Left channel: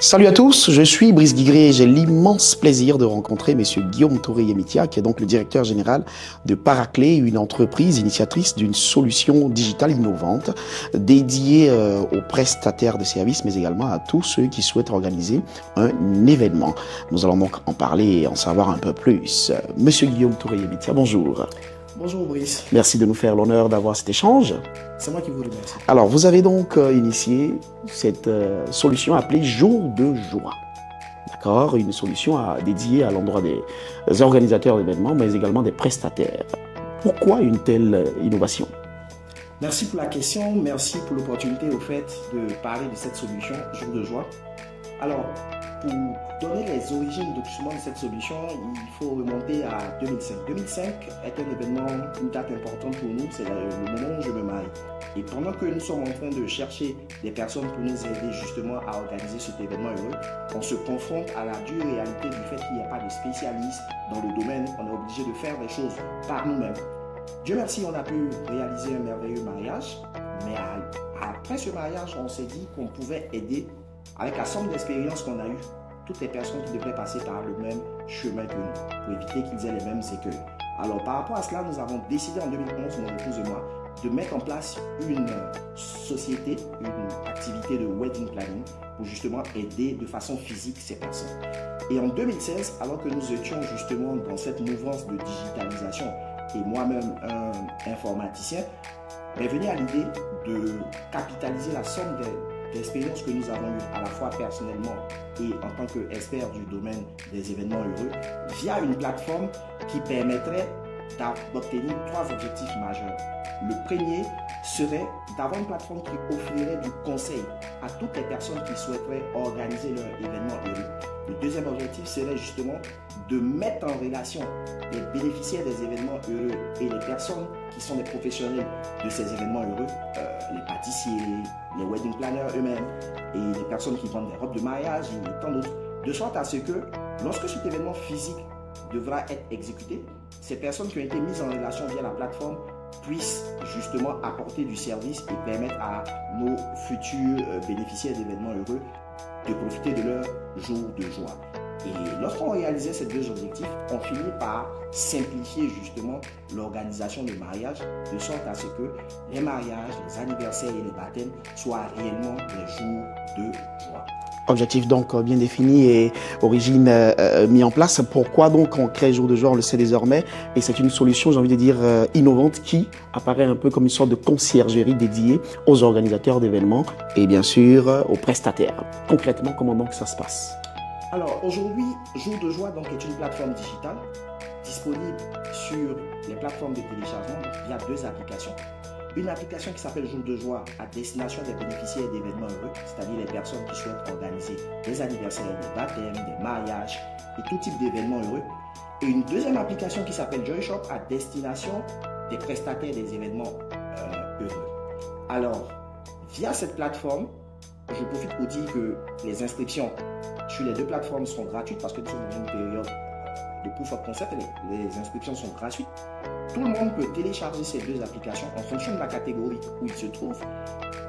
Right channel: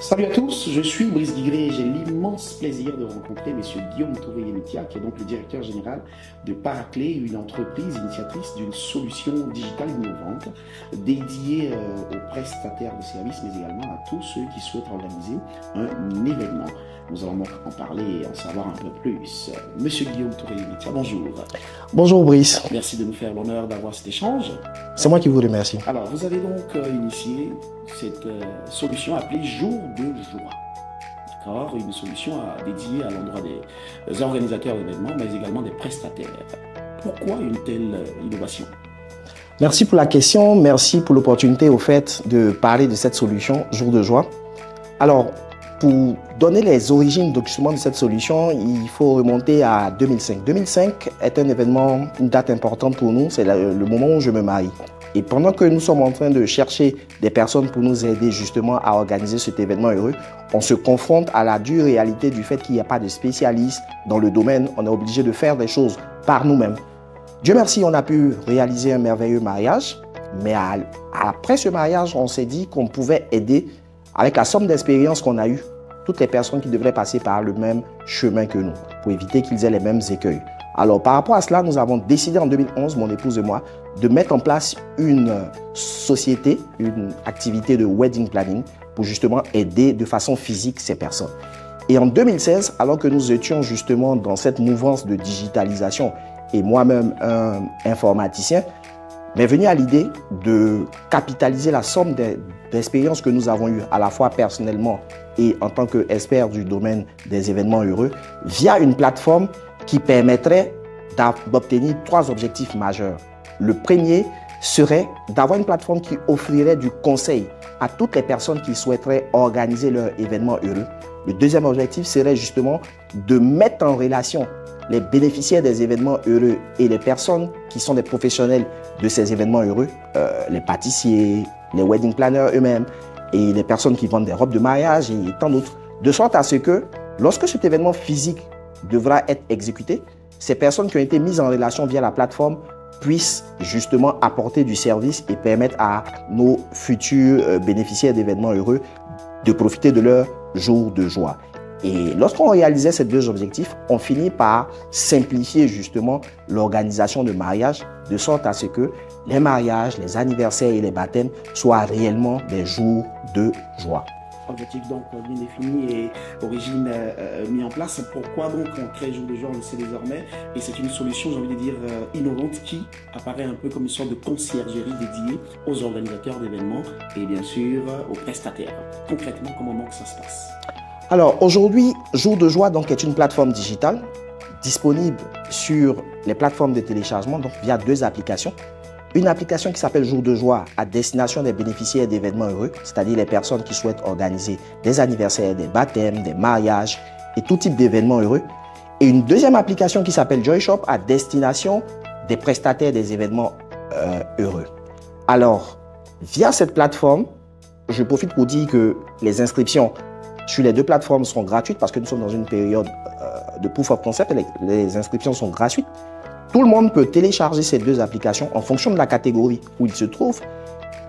Salut à tous, je suis Brice Guigré et j'ai l'immense plaisir de rencontrer Monsieur Guillaume Touré-Yemitia, qui est donc le directeur général de Paraclé, une entreprise initiatrice d'une solution digitale innovante dédiée aux prestataires de services, mais également à tous ceux qui souhaitent organiser un événement. Nous allons donc en parler et en savoir un peu plus. Monsieur Guillaume Touré-Yemitia, bonjour. Bonjour Brice, Merci de nous faire l'honneur d'avoir cet échange. c'est moi qui vous remercie. Alors, vous avez donc initié cette solution appelée Jour de Joie. D'accord? Une solution dédiée à l'endroit des organisateurs d'événements, mais également des prestataires. Pourquoi une telle innovation? Merci pour la question, merci pour l'opportunité au fait de parler de cette solution Jour de Joie. Alors, pour donner les origines justement de cette solution, il faut remonter à 2005. 2005 est un événement, une date importante pour nous, c'est le moment où je me marie. Et pendant que nous sommes en train de chercher des personnes pour nous aider justement à organiser cet événement heureux, on se confronte à la dure réalité du fait qu'il n'y a pas de spécialistes dans le domaine. On est obligé de faire des choses par nous-mêmes. Dieu merci, on a pu réaliser un merveilleux mariage, mais après ce mariage, on s'est dit qu'on pouvait aider avec la somme d'expérience qu'on a eue toutes les personnes qui devraient passer par le même chemin que nous pour éviter qu'ils aient les mêmes écueils. Alors par rapport à cela, nous avons décidé en 2011, mon épouse et moi, de mettre en place une société, une activité de wedding planning pour justement aider de façon physique ces personnes. Et en 2016, alors que nous étions justement dans cette mouvance de digitalisation et moi-même un informaticien, m'est venu à l'idée de capitaliser la somme d'expériences que nous avons eues à la fois personnellement et en tant qu'expert du domaine des événements heureux via une plateforme qui permettrait d'obtenir 3 objectifs majeurs. Le premier serait d'avoir une plateforme qui offrirait du conseil à toutes les personnes qui souhaiteraient organiser leur événement heureux. Le deuxième objectif serait justement de mettre en relation les bénéficiaires des événements heureux et les personnes qui sont des professionnels de ces événements heureux, les pâtissiers, les wedding planners eux-mêmes et les personnes qui vendent des robes de mariage et tant d'autres, de sorte à ce que lorsque cet événement physique devra être exécuté, ces personnes qui ont été mises en relation via la plateforme puissent justement apporter du service et permettre à nos futurs bénéficiaires d'événements heureux de profiter de leur jour de joie. Et lorsqu'on réalisait ces 2 objectifs, on finit par simplifier justement l'organisation de mariage de sorte à ce que les mariages, les anniversaires et les baptêmes soient réellement des jours de joie. Objectif donc bien défini et origine mis en place. Pourquoi donc on crée Jour de Joie, on le sait désormais, et c'est une solution, j'ai envie de dire, innovante qui apparaît un peu comme une sorte de conciergerie dédiée aux organisateurs d'événements et bien sûr aux prestataires. Concrètement, comment donc ça se passe? Alors aujourd'hui, Jour de Joie donc, est une plateforme digitale disponible sur les plateformes de téléchargement donc via 2 applications. Une application qui s'appelle Jour de Joie à destination des bénéficiaires d'événements heureux, c'est-à-dire les personnes qui souhaitent organiser des anniversaires, des baptêmes, des mariages et tout type d'événements heureux. Et une deuxième application qui s'appelle Joy Shop à destination des prestataires des événements heureux. Alors, via cette plateforme, je profite pour dire que les inscriptions sur les 2 plateformes sont gratuites parce que nous sommes dans une période de proof of concept et les inscriptions sont gratuites. Tout le monde peut télécharger ces 2 applications en fonction de la catégorie où il se trouve.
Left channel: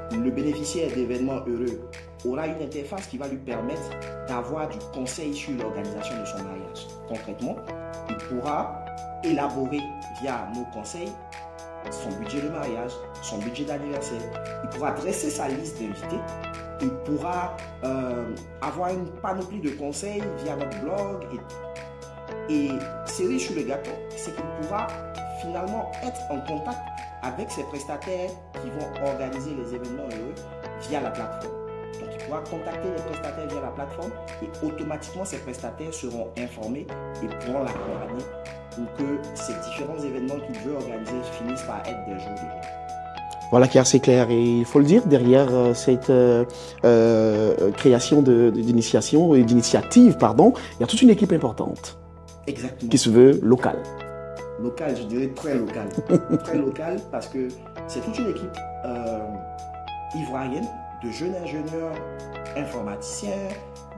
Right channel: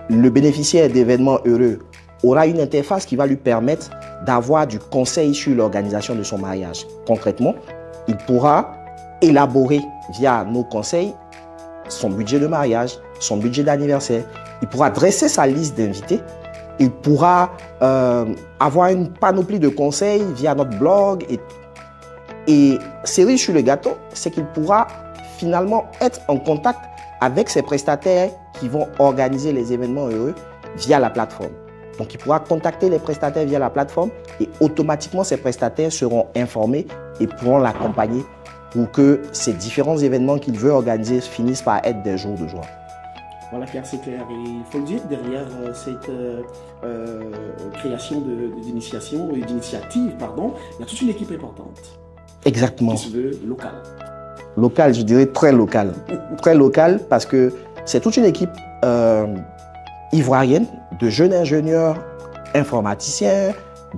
Le bénéficiaire d'événements heureux aura une interface qui va lui permettre d'avoir du conseil sur l'organisation de son mariage. Concrètement, il pourra élaborer via nos conseils son budget de mariage, son budget d'anniversaire. Il pourra dresser sa liste d'invités. Il pourra avoir une panoplie de conseils via notre blog. Et cerise sur le gâteau, c'est qu'il pourra finalement être en contact avec ces prestataires qui vont organiser les événements heureux via la plateforme. Donc, il pourra contacter les prestataires via la plateforme et automatiquement, ces prestataires seront informés et pourront l'accompagner pour que ces différents événements qu'il veut organiser finissent par être des jours de joie. Voilà qui est assez clair. Et il faut le dire, derrière cette création d'initiation et d'initiative, il y a toute une équipe importante. Exactement. Qui se veut locale. Local, je dirais très local. Très local parce que c'est toute une équipe ivoirienne de jeunes ingénieurs informaticiens,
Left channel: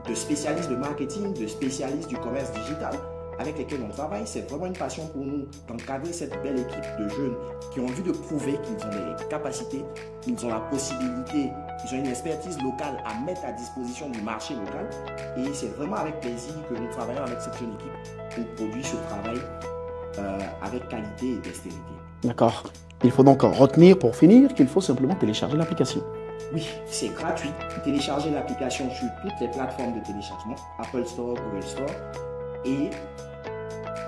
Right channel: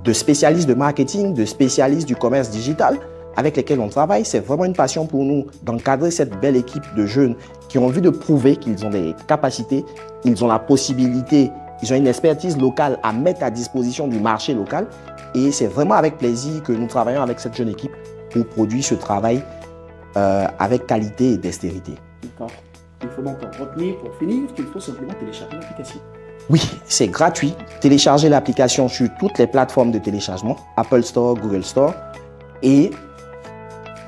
de spécialistes de marketing, de spécialistes du commerce digital avec lesquels on travaille. C'est vraiment une passion pour nous d'encadrer cette belle équipe de jeunes qui ont envie de prouver qu'ils ont des capacités, ils ont la possibilité Ils ont une expertise locale à mettre à disposition du marché local. Et c'est vraiment avec plaisir que nous travaillons avec cette jeune équipe pour produire ce travail avec qualité et dextérité. D'accord. Il faut donc retenir pour finir qu'il faut simplement télécharger l'application. Oui, c'est gratuit. Téléchargez l'application sur toutes les plateformes de téléchargement, Apple Store, Google Store, et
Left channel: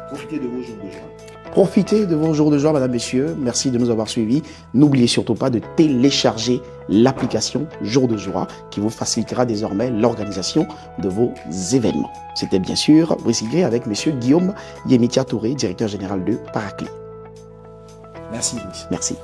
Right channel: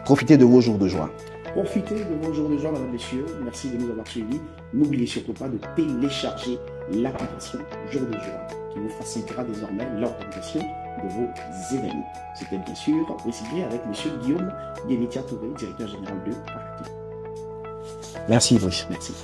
profitez de vos jours de joie. Profitez de vos jours de joie, mesdames, messieurs. Merci de nous avoir suivis. N'oubliez surtout pas de télécharger l'application Jour de joie qui vous facilitera désormais l'organisation de vos événements. C'était bien sûr Brice Guigrier avec monsieur Guillaume Yemitia Touré, directeur général de Paraclé. Merci, Brice. Merci.